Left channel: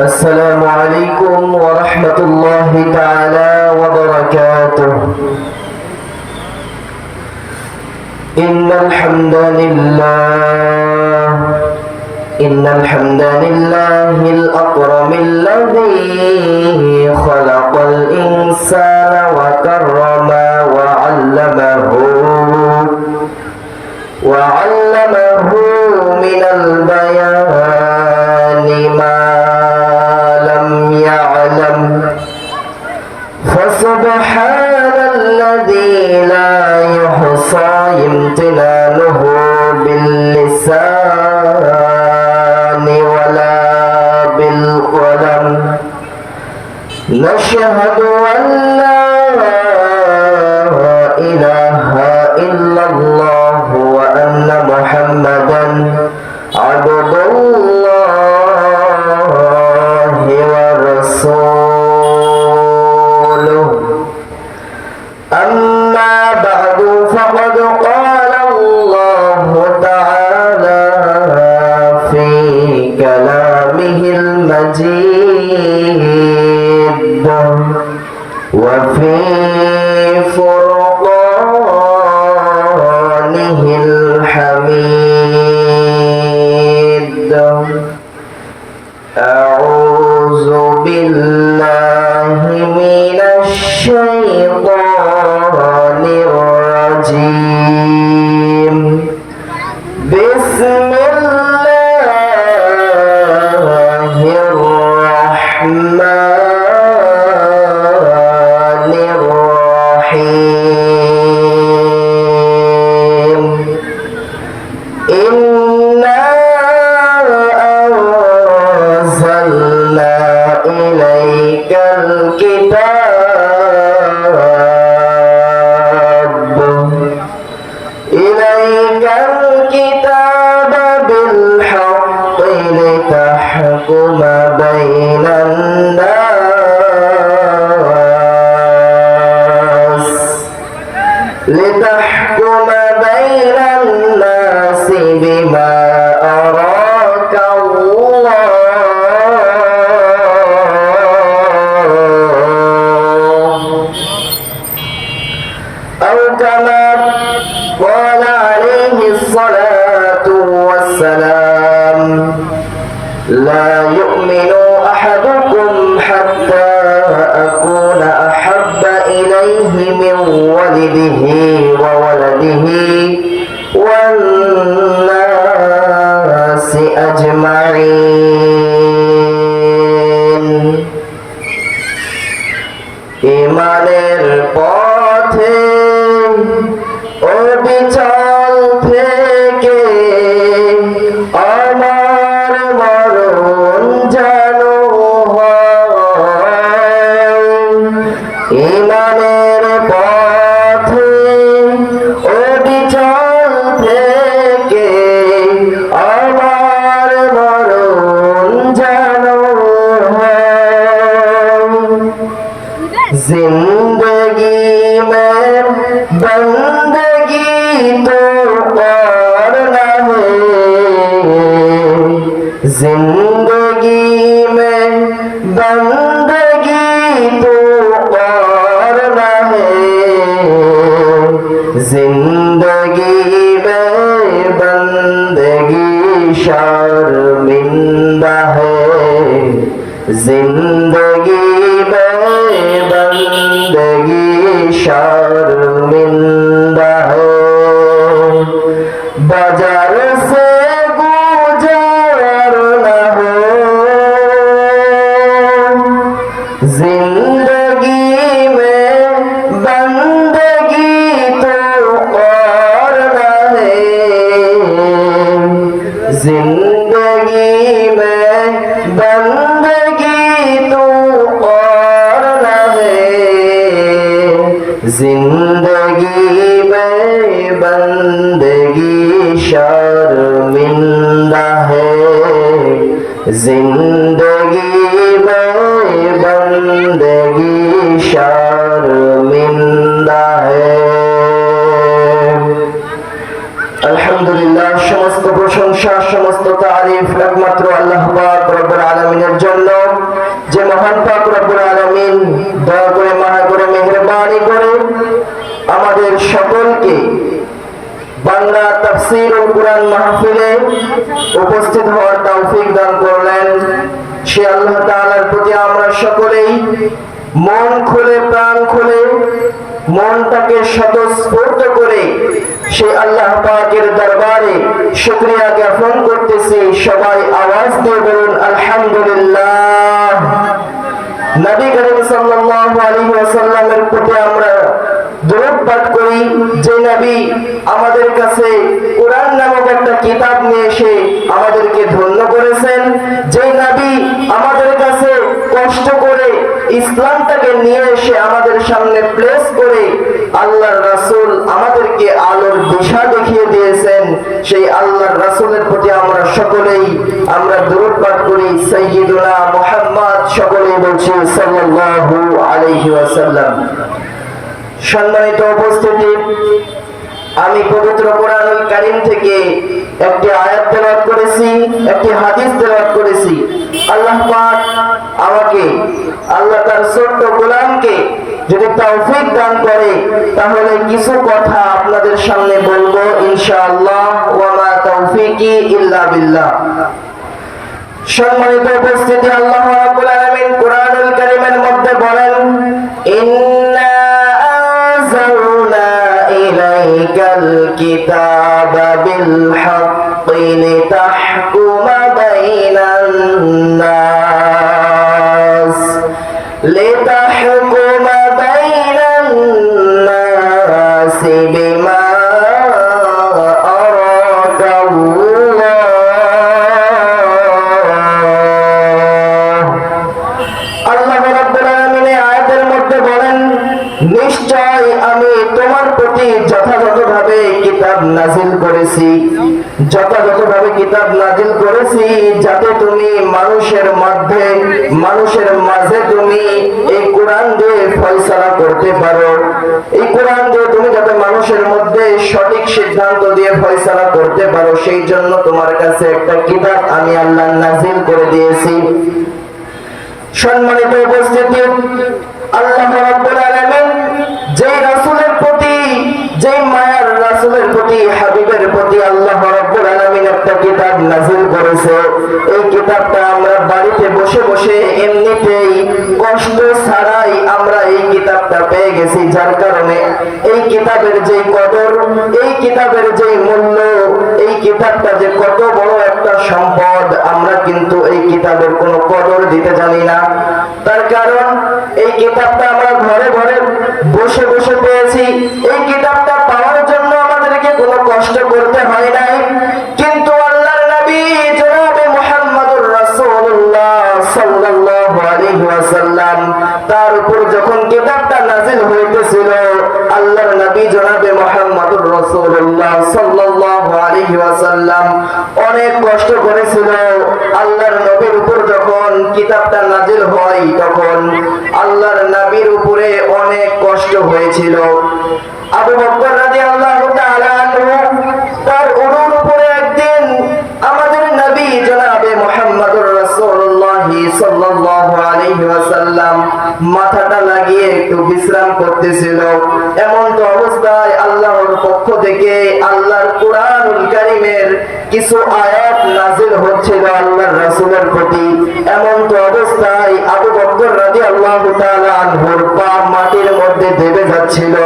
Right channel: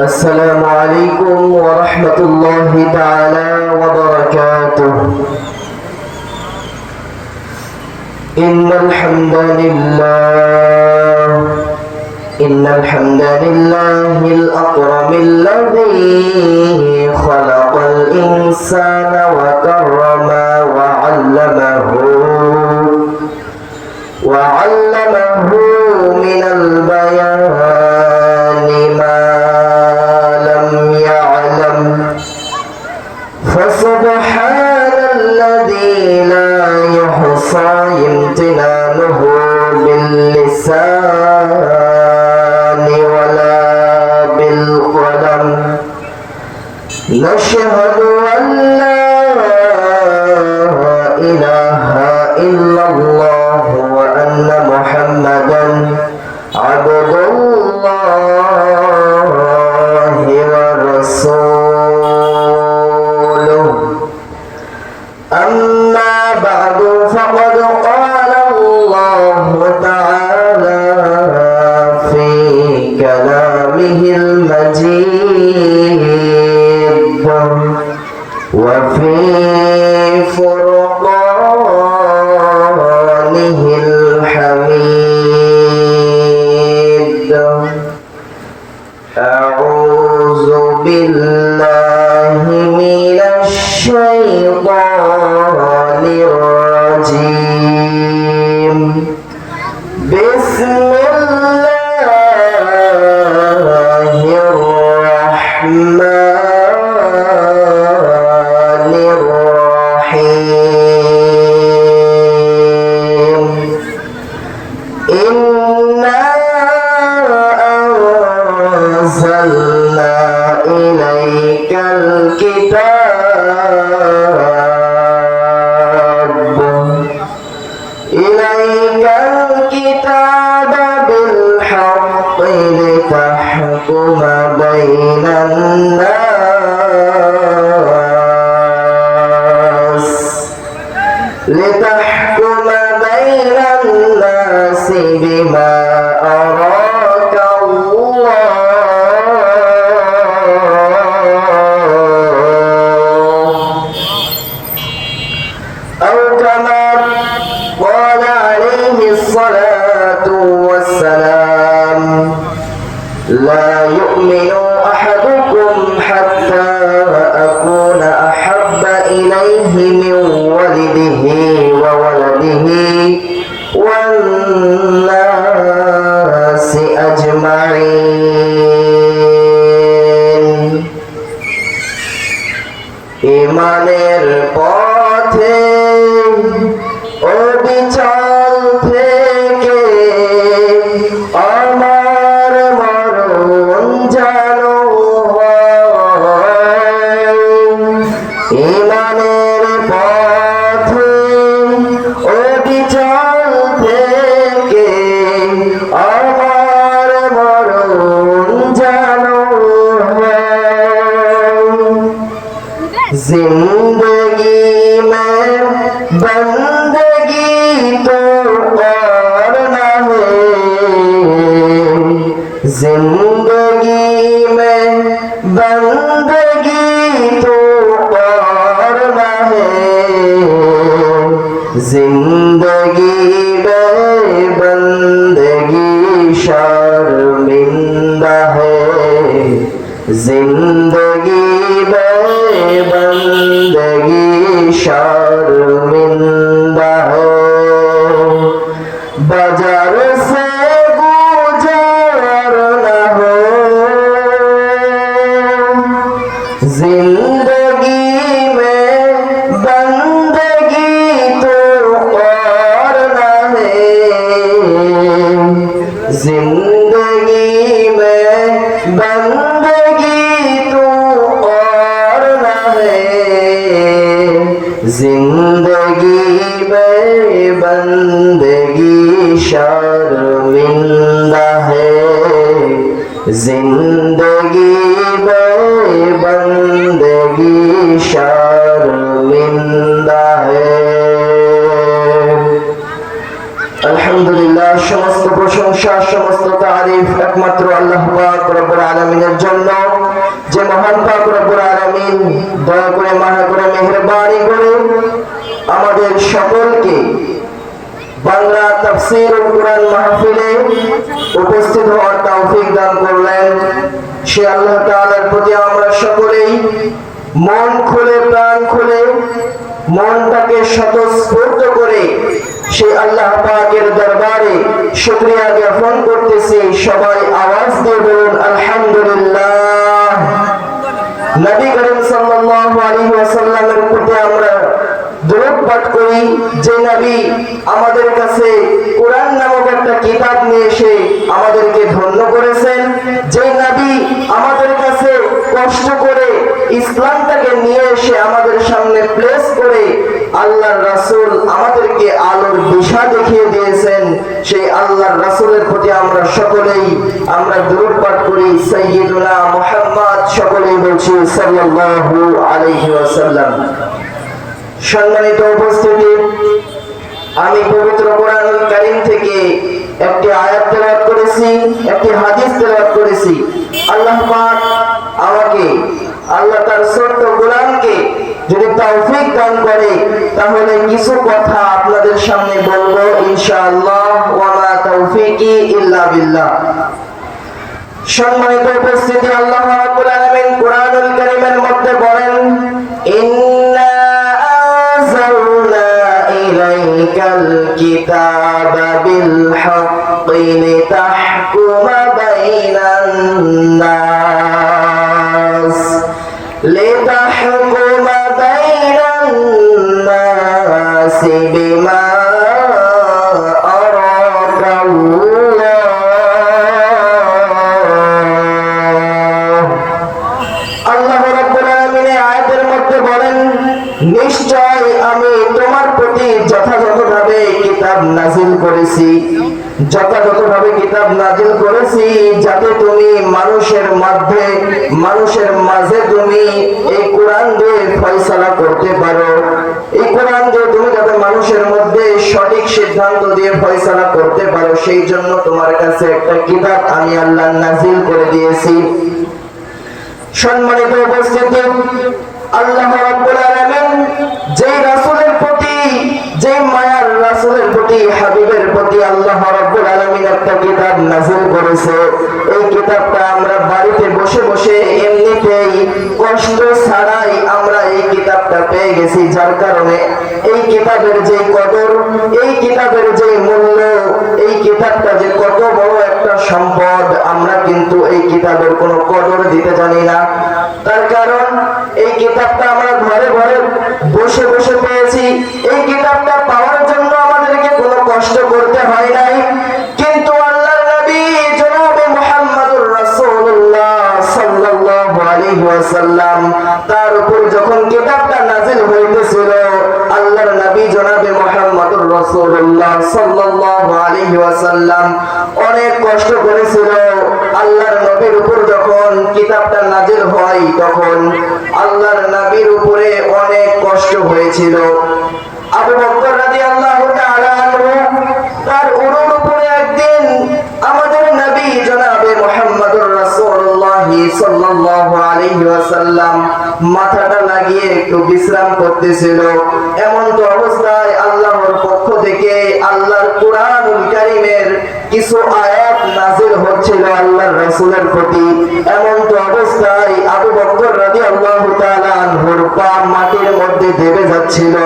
السلام عليكم ورحمة الله تعالى وبركاته. إن الحمد لله الأكرم الذي خلق الإنسان وكرم وعلمه من البيان ما لم يعلم، فسبحان الذي لا يحصى امتنانه باللسان ولا بالقلم. نشهد أن لا إله إلا الله وأن محمدا عبد الله ورسوله. أما بعد فقد قال الله تعالى في كلامه المجيد وفي فرقانه الحميد. أعوذ بالله من الشيطان الرجيم. بسم الله الرحمن الرحيم. إنا أنزلنا إليك الكتاب بالحق لتحكم بين الناس بما أراك الله، أو كما قال عليه الصلاة والسلام: لا يؤمن أحدكم حتى أكون أحب إليه من والده وولده والناس أجمعين। ইমানের পথে অবিচল থেকে আমার মরণ যেন হয়। ইমানের পথে অবিচল থেকে আমার মরণ যেন হয়। जिंदगी में बंदगी तो करना है, जिंदगी में बंदगी तो करना है, जिंदगी में बंदगी शर्मिंदा है, जिंदगी बंदगी शर्मिंदा है। बाजार से गुजर न हो, जिंदगी में बंदगी तो करना है, जिंदगी में बंदगी तो करना है, जिंदगी में बंदगी शर्मिंदा है, जिंदगी में बंदगी शर्मिंदा है। আলহামদুলিল্লাহ, সমস্ত প্রশংসা সমস্ত তারিফ একমাত্র আল্লাহ পাক রব্বুল আলামিনের জন্য। যে মহান পাক রব্বুল আলামিন দয়া করে মায়া করে মেহেরবানি করে আমাদের সকলকে বাংলা তাফসীরুল কুরআন মাহফিলে উপস্থিত হওয়ার তৌফিক দান করলেন। সে আল্লাহ তাআলার প্রতি আমরা সকলেই মন খুলে প্রাণ খুলে মনটাকে স্বতঃস্ফূর্ত করে সেই আল্লাহ পাকের দরবারে শুকরিয়া জ্ঞাপন করতেছি। সবাই আওয়াজ দিয়ে বলুন আলহামদুলিল্লাহ। নবী করিম সাল্লাল্লাহু আলাইহি ওয়াসাল্লামের প্রতি আমরা দরুদ পাঠ করি, যে নবী আমাদের কাছে কোরআন নামক একটা কিতাব নিয়ে এসে আমাদেরকে ধন্য করেছেন, যে নবী আমাদের কাছে কষ্ট করে ইসলামটাকে নিয়ে এসে আমাদের সামনে প্লেস করে আল্লাহর রাসূল আমাদেরকে আলোর দিশা দেখিয়ে দিয়েছেন, সেই আল্লাহর রাসূলের প্রতি আমরা সকলেই আমরা দরুদ পাঠ করি। সাইয়্যিদুনা মুহাম্মদ, সকলেই বলছি সাল্লাল্লাহু আলাইহি ওয়াসাল্লাম। সম্মানিত উপস্থিতি, আমি পবিত্র কোরআনুল কারীম থেকে একটি আয়াত তেলাওয়াত করেছি, একটি হাদিস তেলাওয়াত করেছি। আল্লাহ পাক আমাকে, আল্লাহ তার ছোট্ট গোলামকে যদি তৌফিক দান করে তাহলে কিছু কথা আপনাদের সামনে বলবো ইনশাআল্লাহ। ওয়া মা তাওফীকি ইল্লা বিল্লাহ। সম্মানিত উপস্থিতি, আল্লাহ রাব্বুল আলামিন কোরআনুল কারীমের মধ্যে বলেন, ইন্না আনজালনা ইলাইকাল কিতাবা বিল হাক্কি লিতাহকুমা বাইনান নাস লিতাহকুমা বাইনান নাস বিমা নিশ্চয় আমি তোমার প্রতি যথাযথভাবে কিতাব নাযিল করেছি, যথাযথভাবে কিতাব নাযিল করেছি যাতে তুমি মানুষের মাঝে তুমি এই কোরআন দিয়ে ফয়সালা করতে পারো। এই কোরআন দিয়ে তুমি যাতে মানুষের মধ্যে সঠিক সিদ্ধান্ত দিয়ে ফয়সালা করতে পারো, সেই জন্য তোমার কাছে একটা কিতাব আমি আল্লাহ নাযিল করে দিয়েছি। সম্মানিত উপস্থিতি, আল্লাহ রাব্বুল আলামিন যেই রাসূলের প্রতি, যেই মায়ার রাসূলের প্রতি, হাবিবের প্রতি আল্লাহ রাব্বুল আলামিন একটা কিতাব নাযিল করেছে, এই কিতাবটা আমরা বাড়িতে বসে বসে এমনিতেই কষ্ট ছাড়াই আমরা এই কিতাবটা পেয়ে গেছি। যার কারণে এই কিতাবের যে কদর, এই কিতাবের যে মূল্য, এই কিতাবটা যে কত বড় একটা সম্পদ, আমরা কিন্তু এই কিতাবের কোনো কদর দিতে জানি না। তার কারণ এই কিতাবটা আমরা ঘরে ঘরে বসে বসে পেয়েছি। এই কিতাবটা পাওয়ার জন্য আমাদেরকে কোনো কষ্ট করতে হয় নাই, কিন্তু আল্লাহর নবী জনাবে মুহাম্মদুর রাসূলুল্লাহ সাল্লাল্লাহু আলাইহি ওয়াসাল্লাম তার উপর যখন কিতাবটা নাযিল হইতেছিল, আল্লাহর নবী জনাবে মুহাম্মদুর রাসূলুল্লাহ সাল্লাল্লাহু আলাইহি ওয়াসাল্লাম অনেক কষ্ট করেছিল। আল্লাহর নবীর উপর যখন কিতাবটা নাযিল হয় তখন আল্লাহর নবীর উপরে অনেক কষ্ট হয়েছিল। আবু বকর রাদিয়াল্লাহু তাআলা আনহু তার উরুর উপরে একদিন আমাদের নবী জনাবে মুহাম্মদুর রাসূলুল্লাহ সাল্লাল্লাহু আলাইহি ওয়াসাল্লাম মাথাটা লাগিয়ে একটু বিশ্রাম করতেছিল। এমন তো অবস্থায় আল্লাহর পক্ষ থেকে আল্লাহর কোরআনুল কারীমের কিছু আয়াত নাযিল হচ্ছিল আল্লাহর রাসূলের প্রতি। এমন তো অবস্থায় আবু বকর রাদিয়াল্লাহু তাআলা আনহুর পা মাটির মধ্যে দেবে যাচ্ছিল।